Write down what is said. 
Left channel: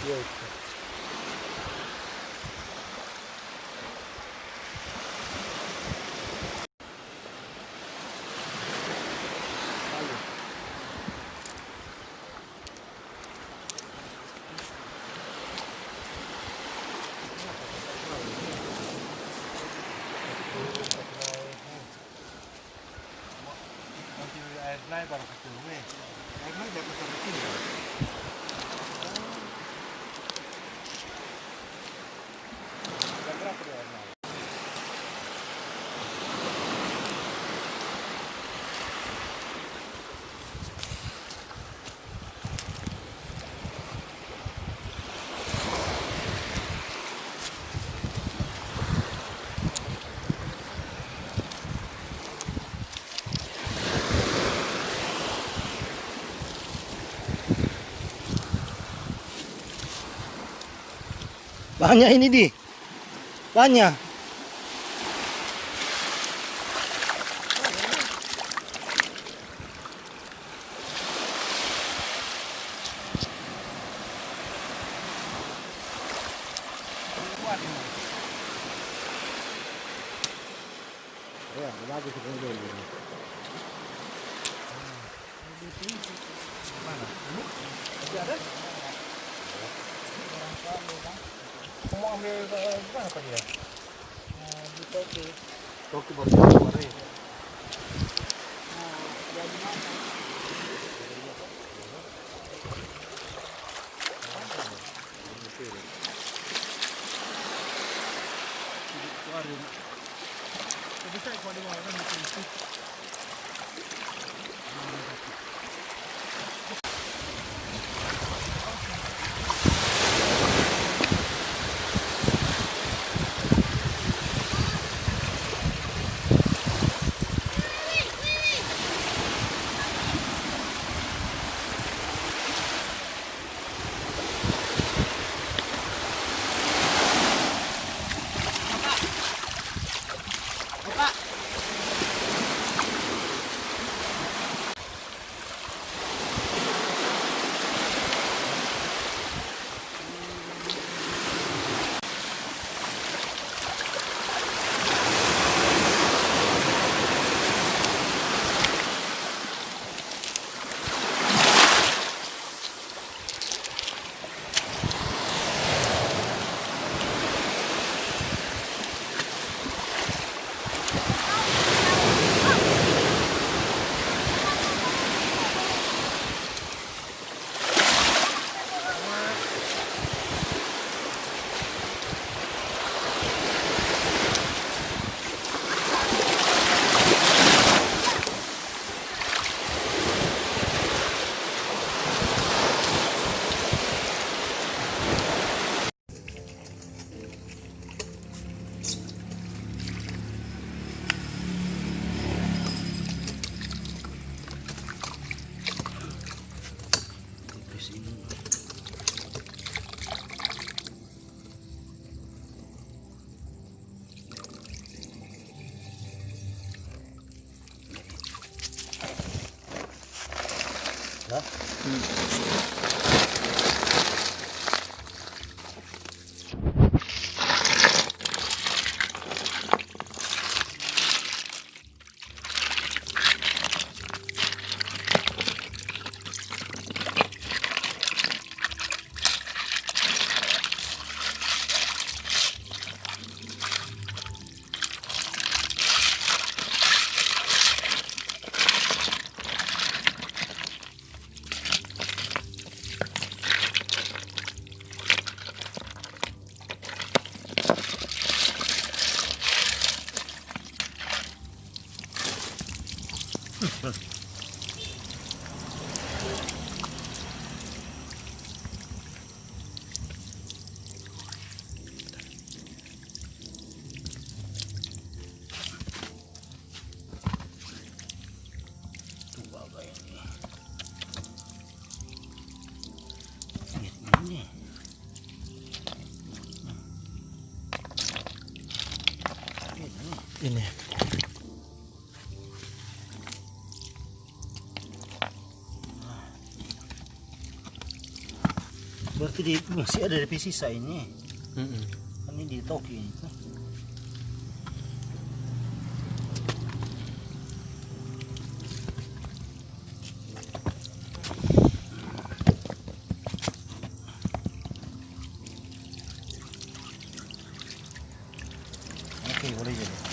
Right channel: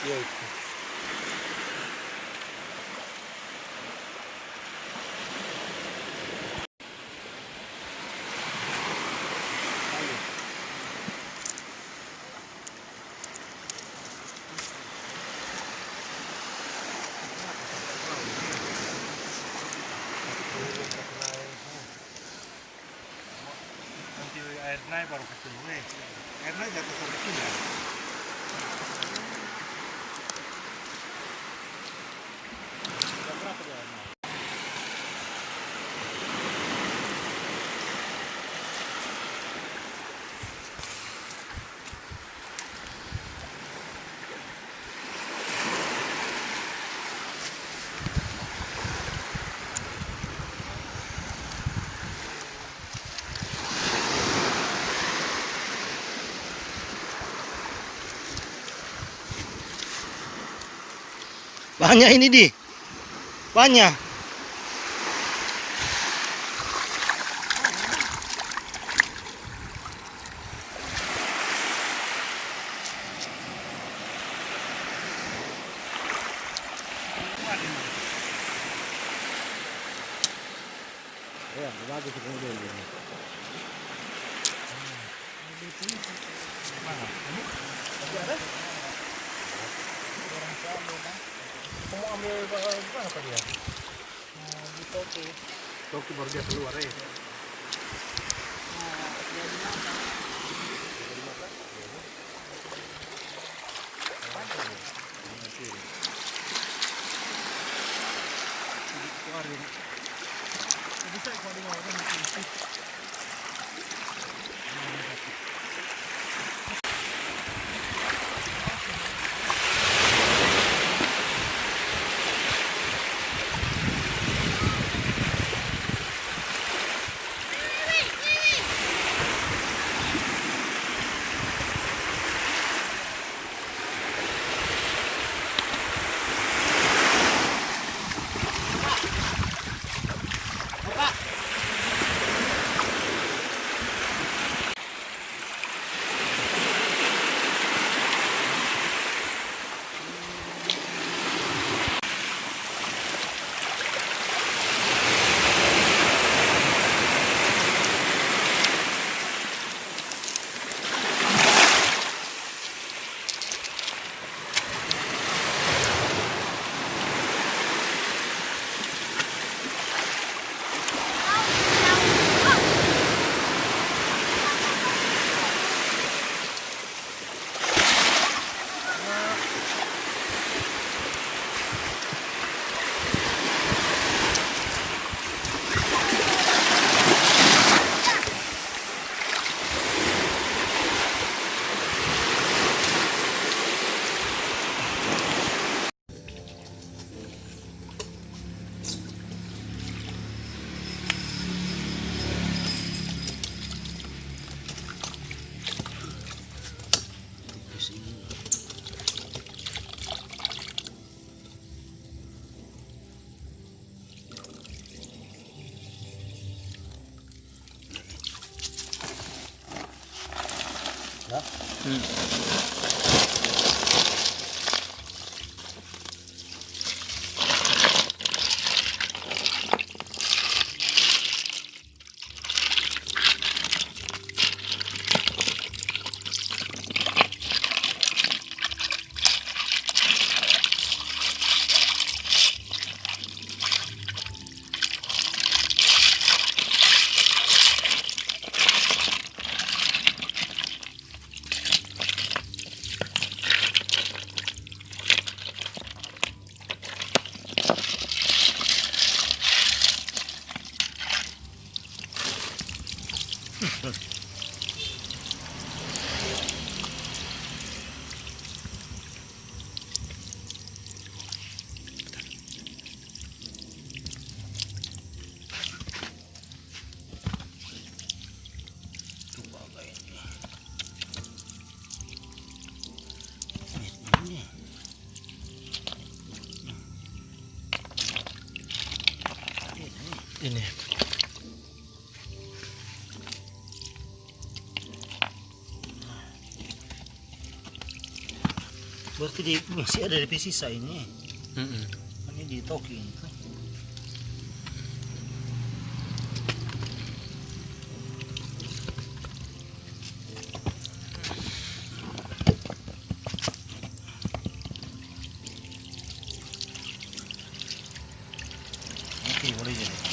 Iya itu. Nanti air naik baru ketemu. Air naik jatuh sampai sini. Jam berapa dia air naik? Banyak ini di. Banyak. Ya, bagus kemudian ini. Kamu ambil bukan apa dia? Di toki. Toki baru dia keluar ya. Bisa kalau di bawah kan itu. Ini. Berarti di masih ada di sisa ini. Mm-mm. Ini di Tokyo ini tuh. Oke, boleh jadi.